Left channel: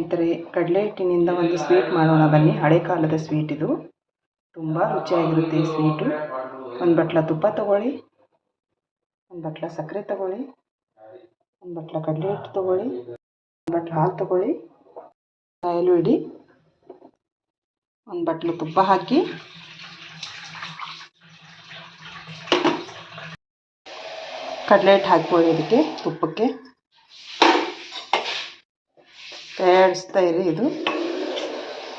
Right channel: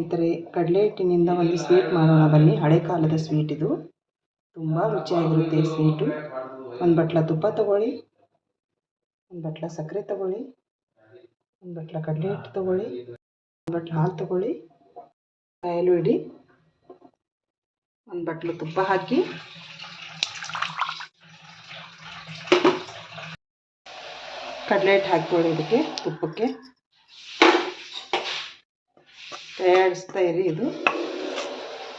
ಸ್ನೇಹಿತರೆ, ಕಡಲೆ ಹಿಟ್ಟಿನಿಂದ ಒಂದು ಸ್ವೀಟ್ ಮಾಡೋಣ ಬನ್ನಿ. ಹಳೆ ಕಾಲದ ಸ್ವೀಟ್ ಇದು. ತುಂಬ ರುಚಿಯಾಗಿರುತ್ತೆ ಈ ಸ್ವೀಟು. ಒಂದು ಬಟ್ಲ ತುಪ್ಪ ತಗೊಳ್ಳಿ, ಒಂದು ಬಟ್ಲ ಸಕ್ಕರೆ ತಗೊಳ್ಳಿ, ಒಂದು ಬಟ್ಲ ಕಡಲೆ ಹಿಟ್ಟು ತಗೊಳ್ಳಿ, ಒಂದು ಬಟ್ಲ ಹಾಲು ತಗೊಳ್ಳಿ ಕಾಯಲು ಇಡಿ ಒಂದು ಬಟ್ಲು ತುಪ್ಪ ಹಾಕಿ, ಕಡಲೆ ಹಿಟ್ಟು ಹಾಕ್ಕೊಳ್ಳಿ ಇದಕ್ಕೆ ತುಪ್ಪಕ್ಕೆ. ತಯಾರಿಸ್ತಾ ಇರಿ ಇದು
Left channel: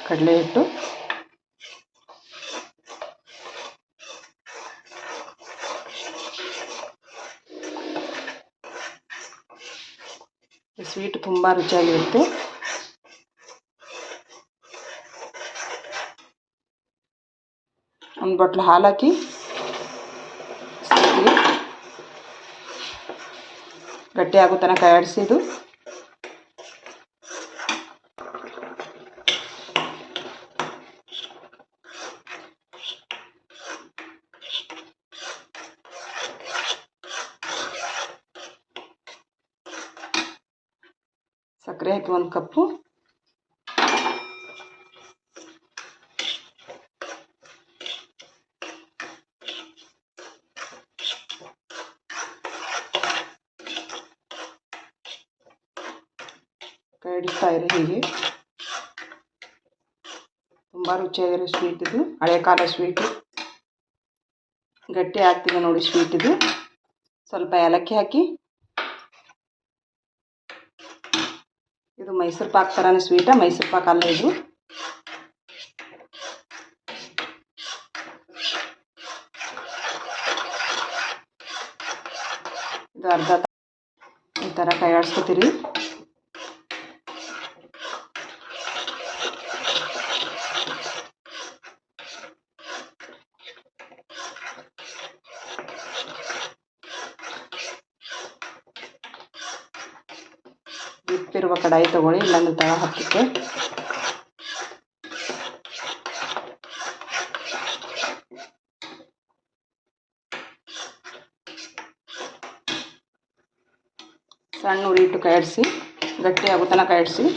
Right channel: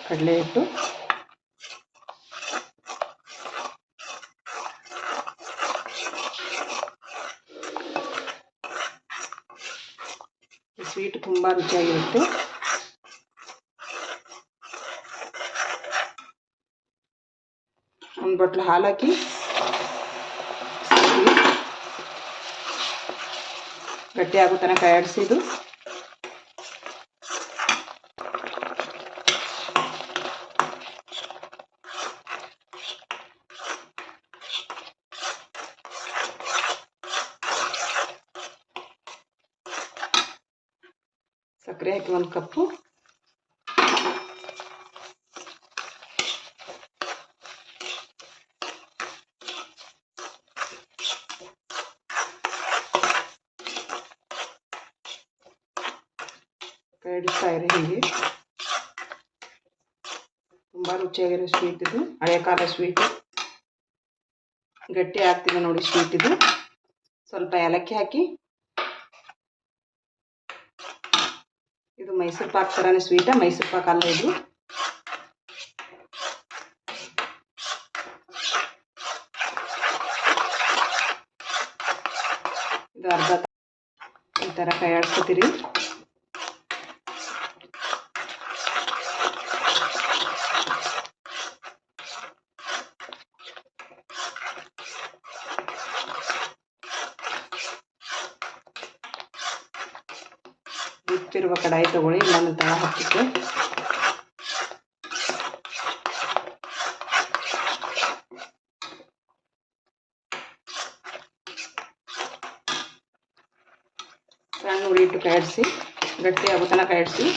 ಕಡಲೆ ಹಿಟ್ಟು ಸ್ವೀಟ್ ತುಂಬ ರುಚಿಯಾಗಿರುತ್ತೆ. ಒಂದು ಬಟ್ಲು ಹಾಲು ಹಾಕಿ ಗಟ್ಟಿ ತನಕ ಆಡಿಸಿದು ಸಕ್ಕರೆ ಹಾಕಿ ಒಂದು ಕಪ್ಪು. ಕಡಿಸ್ತಾ ಇರಿ ಹೀಗೆ. ತುಂಬ ರುಚಿಯಾಗಿರೋ ಸ್ವೀಟ್ ಇದು. ಹಳೆ ಕಾಲ ಸ್ವೀಟು ಗಟ್ಟಿ ಆಗ್ತಿದೆ ನೋಡಿ ಸ್ವೀಟ್ ಇದು. ಸ್ವಲ್ಪ ಏಲಕ್ಕಿ ಹಾಕಿ ಇದು ಮೈಸೂರು ಪಾಕ್ ಥರನೇ ಸ್ವೀಟ ಮೈಸೂರು ಪಾಕ್ ಅಲ್ಲ ಇದು. ಇದು ಅರ್ಧ ಈ ಥರ ಕೈ ಆಡಿಸ್ಕೊತೀರಿ ಬಿಟ್ಟಿರುವ ಕಡಾಯಿ ತಗೊಳ್ಳಿ, ಇಲ್ಲಾಂದ್ರೆ ತಳ ಹಾಕುತ್ತೆ ಸಣ್ಣ ಉರಿ ಇಟ್ಟು ಕಾಯಿಡಿಸಿ, ಗಟ್ಟಿ ಆಗೋ ತನಕ ಕಾಯಿಡಿಸಿ.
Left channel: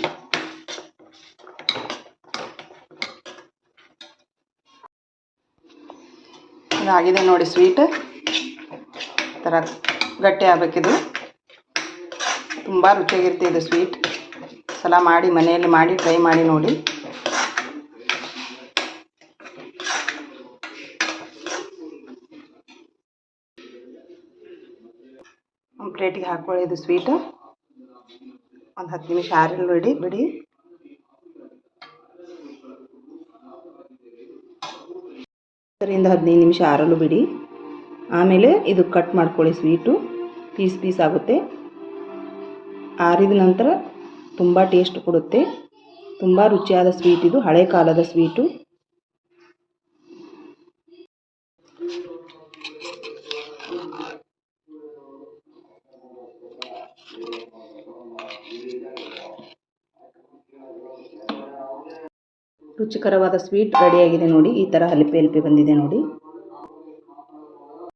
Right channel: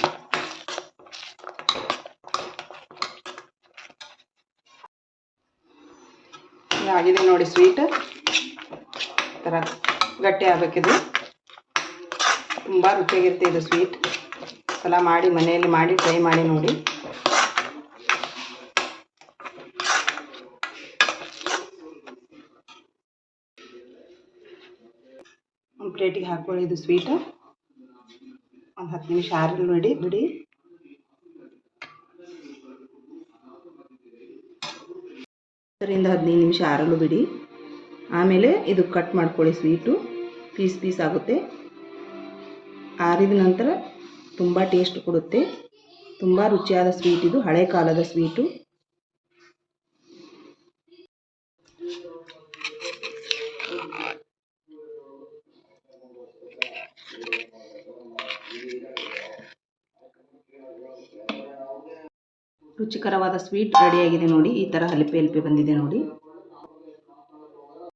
ನೋಡಿ ಸ್ವೀಟ್. ಥರ ಗಟ್ಟಿ ಆಗಬೇಕಿದು. ತುಂಬ ರುಚಿಯಾಗಿರುತ್ತೆ ಇದು ಸ್ವೀಟ್ ಸಲ ಮಾಡಿ, ಮನೆಯಲ್ಲಿ ಮಾಡಿ ಟ್ರೈ ಮಾಡಿ ನೋಡಿ. ಒಂದು ಪ್ಲೇಟಿಗೆ ಹಾಕ್ಕೊಳ್ಳಿ ಇದು ಸ್ವೀಟ್ ಒಂದು ಹತ್ತು ನಿಮಿಷ ಆರಲ್ಲಿ ಬಿಡಿ ಬಿಡಿ. ಹತ್ತರಿಂದ ಹದಿನೈದು ನಿಮಿಷ ಆರಲು ಬಿಡಿ. ಆಮೇಲೆ ಇದು ಕಟ್ ಮಾಡ್ಕೊಳ್ಳಿ ಸ್ವೀಟು ಪೀಸ್ ಪೀಸ್ ಆಗುತ್ತೆ. ಆರಿದ ನಂತರ ತುಂಬ ಟೇಸ್ಟ್ ಕೊಡುತ್ತೆ. ತುಂಬ ರುಚಿಯಾದ ಸ್ವೀಟ್ ಇದು, ಹಳೆ ಕಾಲದ ಸ್ವೀಟು ರುಚಿಕರವಾದ ಸ್ವೀಟ್ ರೆಡಿಯಾಗಿದೆ ನೋಡಿ. ಈ ಥರ ಹಲಿಪೆ ಹಲಿಪೆ ಬಂದಿದೆ ನೋಡಿ.